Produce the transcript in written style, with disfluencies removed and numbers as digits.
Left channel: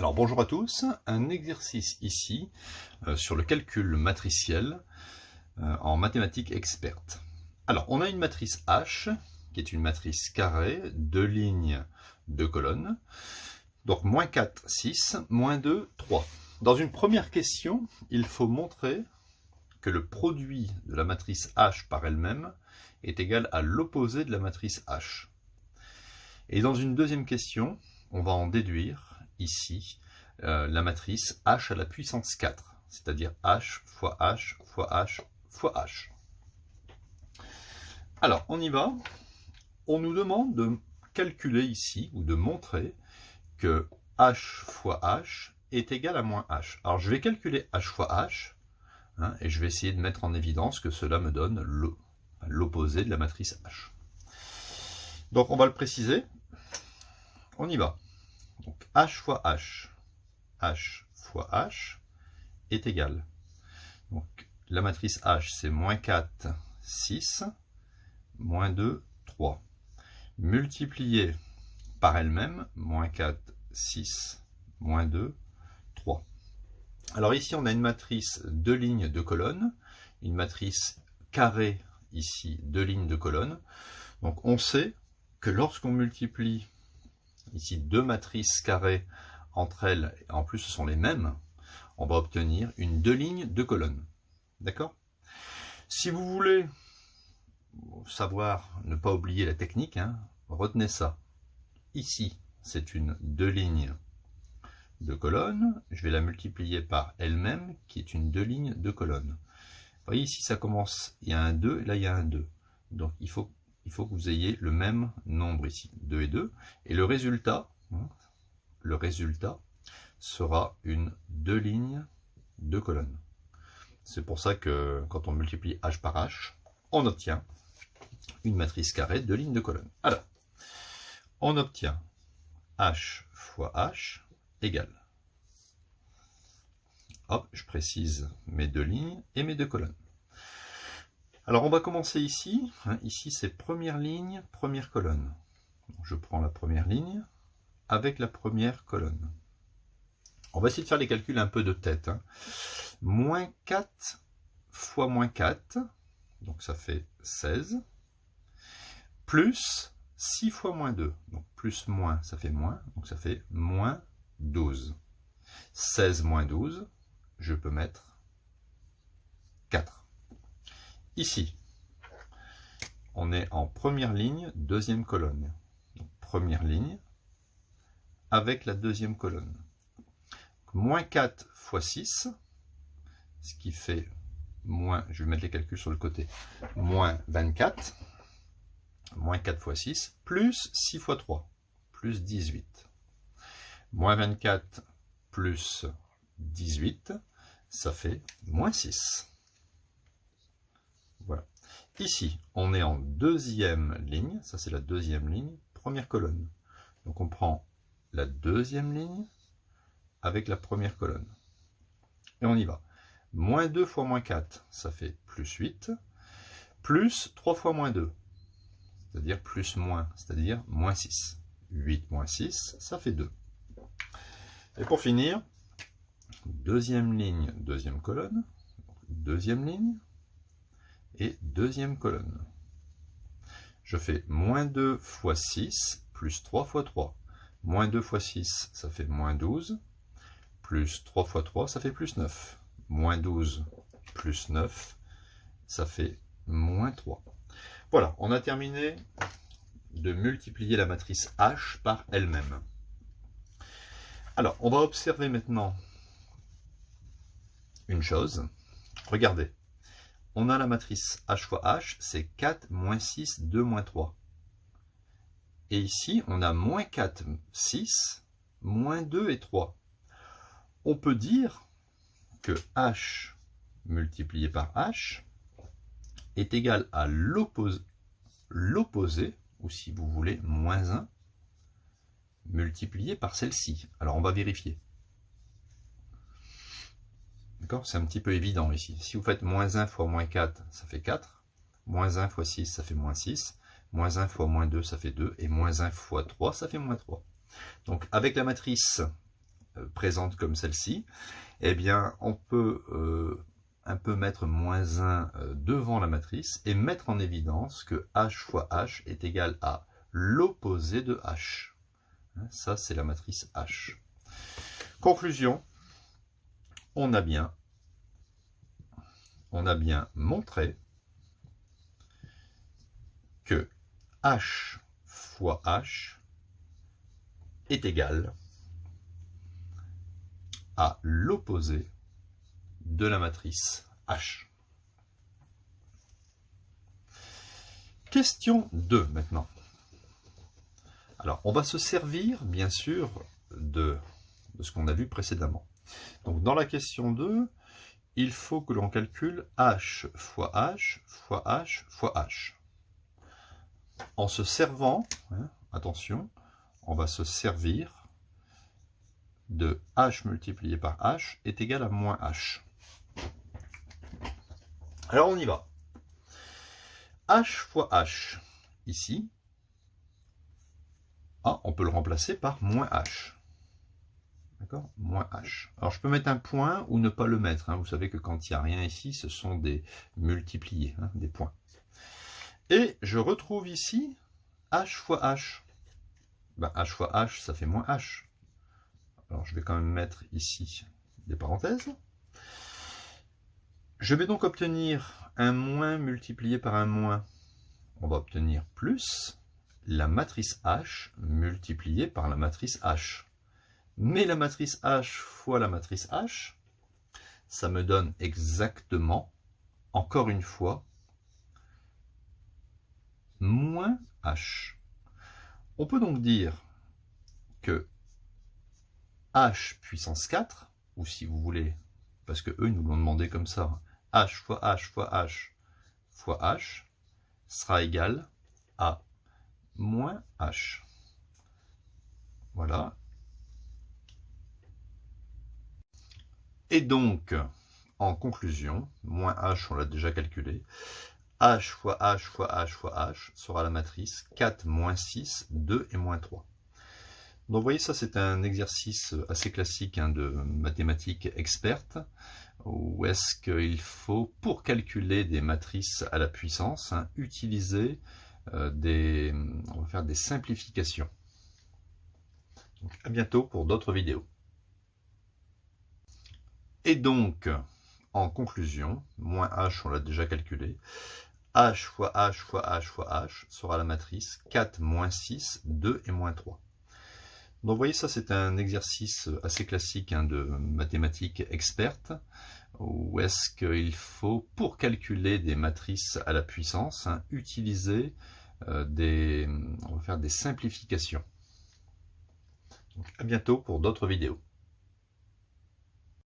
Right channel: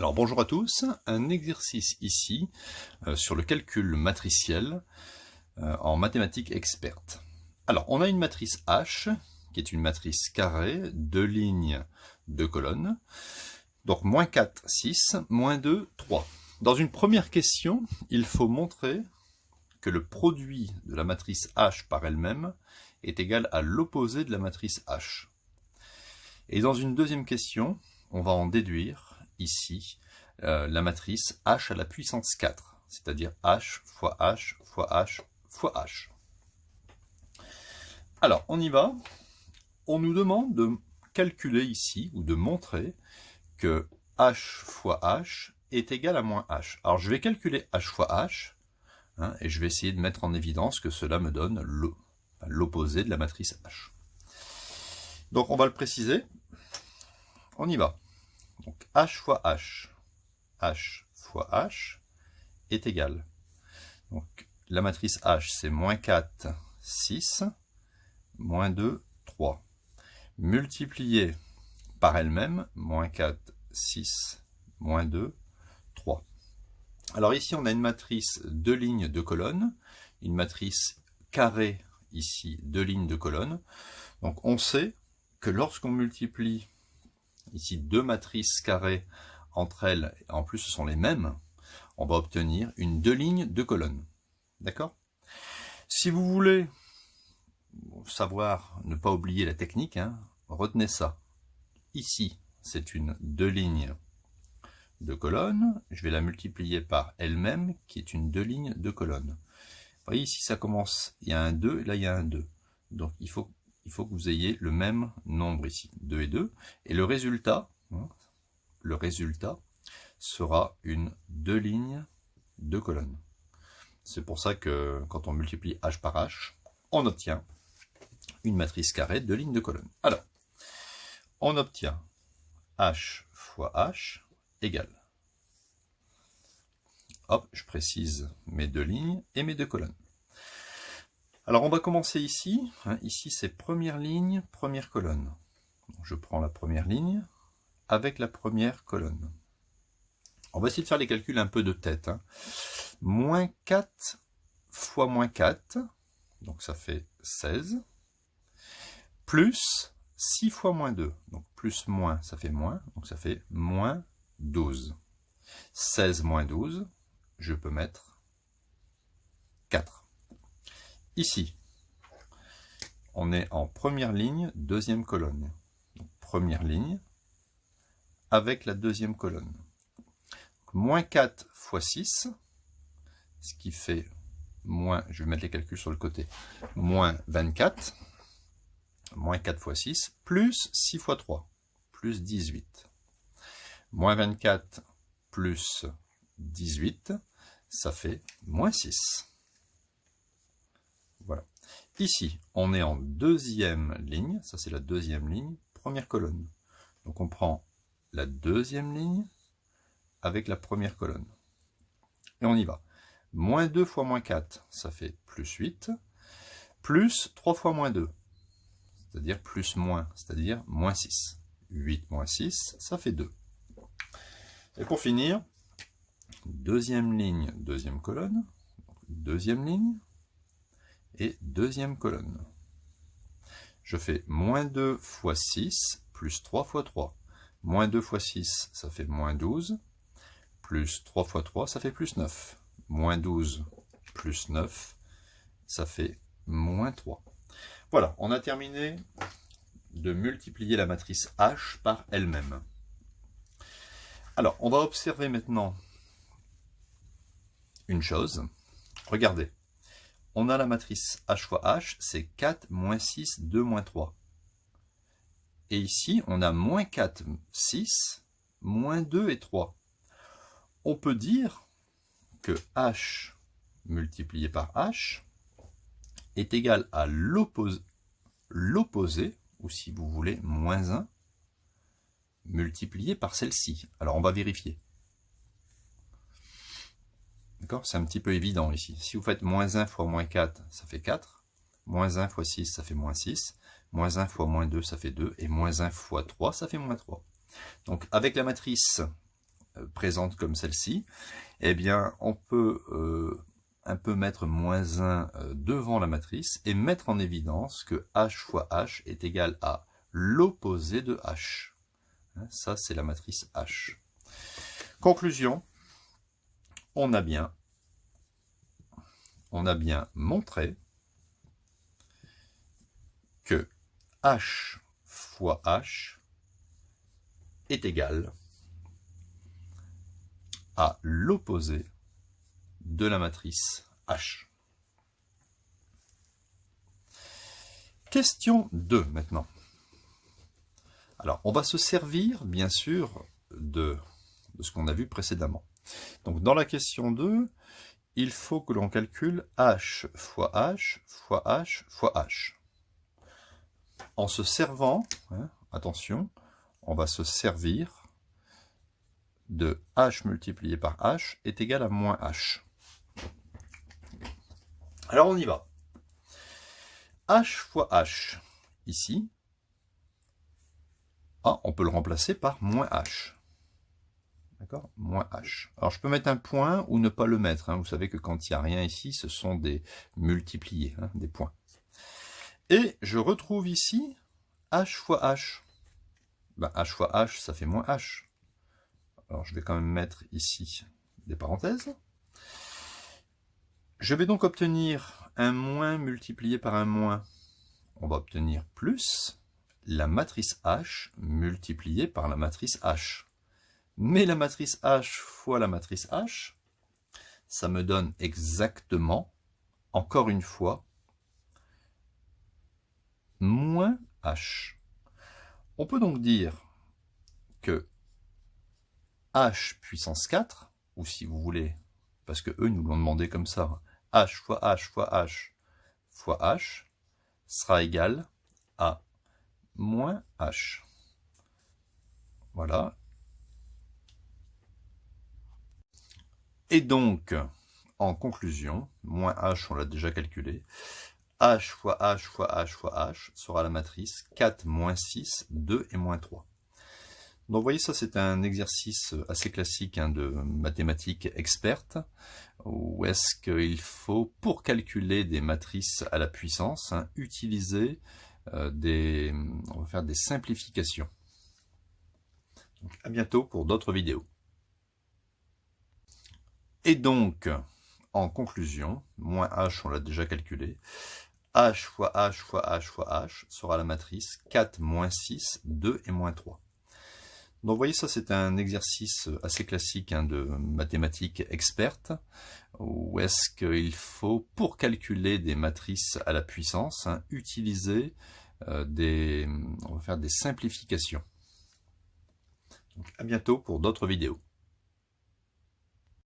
Alors bonjour à tous, un exercice ici sur le calcul matriciel en mathématiques expertes. Alors on a une matrice H qui est une matrice carrée, 2 lignes, 2 colonnes. Donc moins 4, 6, moins 2, 3. Dans une première question, il faut montrer que le produit de la matrice H par elle-même est égal à l'opposé de la matrice H. Et dans une deuxième question, on va en déduire ici la matrice H à la puissance 4, c'est-à-dire H fois H fois H fois H. Alors, on y va. On nous demande de calculer ici, ou de montrer que H fois H est égal à moins H. Alors, je vais calculer H fois H, et je vais essayer de mettre en évidence que cela me donne l'opposé de la matrice H. Donc, on va le préciser. On y va. Donc, H fois H, H fois H est égal. Donc, la matrice H, c'est moins 4, 6, moins 2, 3. Multiplié par elle-même, moins 4, 6, moins 2, 3. Alors ici, on a une matrice 2 lignes, 2 colonnes, une matrice carrée, ici, 2 lignes, 2 colonnes. Donc on sait que lorsqu'on multiplie ici deux matrices carrées entre elles, en plus ce sont les mêmes, on va obtenir une 2 lignes, 2 colonnes. D'accord? Si vous voulez savoir, ne pas oublier la technique, retenez ça. Ici, c'est une 2 lignes, 2 colonnes. Je vais la multiplier par elle-même, qui est une 2 lignes, 2 colonnes. Vous voyez, ici, ça commence, il y a un 2, et là, il y a un 2. Donc, il faut que vous ayez le même nombre ici, 2 et 2. Et le résultat sera une 2 lignes, 2 colonnes. C'est pour ça que quand on multiplie H par H, on obtient une matrice carrée, 2 lignes, 2 colonnes. Alors, on obtient H fois H égale. Hop, je précise mes 2 lignes et mes 2 colonnes. Alors, on va commencer ici. Ici, c'est première ligne, première colonne. Donc, je prends la première ligne avec la première colonne. On va essayer de faire les calculs un peu de tête. Moins 4 fois moins 4, donc ça fait 16, plus 6 fois moins 2, donc plus moins, ça fait moins, donc ça fait moins 12. 16 moins 12, je peux mettre 4. Ici, on est en première ligne, deuxième colonne. Donc, première ligne avec la deuxième colonne. Donc, moins 4 fois 6, ce qui fait moins, je vais mettre les calculs sur le côté, moins 24, moins 4 fois 6, plus 6 fois 3, plus 18. Moins 24 plus 18, ça fait moins 6. Voilà. Ici, on est en deuxième ligne, ça c'est la deuxième ligne, première colonne. Donc on prend la deuxième ligne avec la première colonne. Et on y va. Moins 2 fois moins 4, ça fait plus 8, plus 3 fois moins 2, c'est-à-dire plus moins, c'est-à-dire moins 6. 8 moins 6, ça fait 2. Et pour finir, deuxième ligne, deuxième colonne, deuxième ligne et deuxième colonne. Je fais moins 2 fois 6, plus 3 fois 3. Moins 2 fois 6, ça fait moins 12, plus 3 fois 3, ça fait plus 9. Moins 12 plus 9, ça fait moins 3. Voilà, on a terminé de multiplier la matrice H par elle-même. Alors, on va observer maintenant une chose. Regardez, on a la matrice H fois H, c'est 4, moins 6, 2, moins 3. Et ici, on a moins 4, 6, moins 2 et 3. On peut dire que H multiplié par H est égal à l'opposé, ou si vous voulez, moins 1, multiplié par celle-ci. Alors on va vérifier. D'accord? C'est un petit peu évident ici. Si vous faites moins 1 fois moins 4, ça fait 4. Moins 1 fois 6, ça fait moins 6. Moins 1 fois moins 2, ça fait 2. Et moins 1 fois 3, ça fait moins 3. Donc avec la matrice présente comme celle-ci, eh bien, on peut un peu mettre moins 1 devant la matrice et mettre en évidence que h fois h est égal à l'opposé de h. Ça, c'est la matrice H. Conclusion, on a bien montré que H fois H est égal à l'opposé de la matrice H. Question 2 maintenant. Alors, on va se servir, bien sûr, de ce qu'on a vu précédemment. Donc, dans la question 2, il faut que l'on calcule h fois h fois h fois h. En se servant, attention, on va se servir de h multiplié par h est égal à moins h. Alors, on y va. h fois h, ici, on peut le remplacer par moins h. D'accord? Moins h. Alors, je peux mettre un point ou ne pas le mettre. Vous savez que quand il n'y a rien ici, ce sont des multipliés, des points. Et je retrouve ici h fois h. H fois h, ça fait moins h. Alors, je vais quand même mettre ici des parenthèses. Je vais donc obtenir un moins multiplié par un moins. On va obtenir plus la matrice H multipliée par la matrice H. Mais la matrice H fois la matrice H, ça me donne exactement, encore une fois, moins H. On peut donc dire que H puissance 4, ou si vous voulez, parce que eux nous l'ont demandé comme ça, H fois H fois H fois H sera égal à moins H. Voilà. Et donc, en conclusion, moins H, on l'a déjà calculé, H fois H fois H fois H sera la matrice 4, moins 6, 2 et moins 3. Donc vous voyez, ça c'est un exercice assez classique de mathématiques expertes, où est-ce qu'il faut, pour calculer des matrices à la puissance, utiliser on va faire des simplifications. Donc, à bientôt pour d'autres vidéos. Et donc, en conclusion, moins h, on l'a déjà calculé, h fois h fois h fois h sera la matrice 4, moins 6, 2 et moins 3. Donc vous voyez, ça c'est un exercice assez classique de mathématiques expertes, où est-ce qu'il faut, pour calculer des matrices à la puissance, utiliser on va faire des simplifications. Donc, à bientôt pour d'autres vidéos.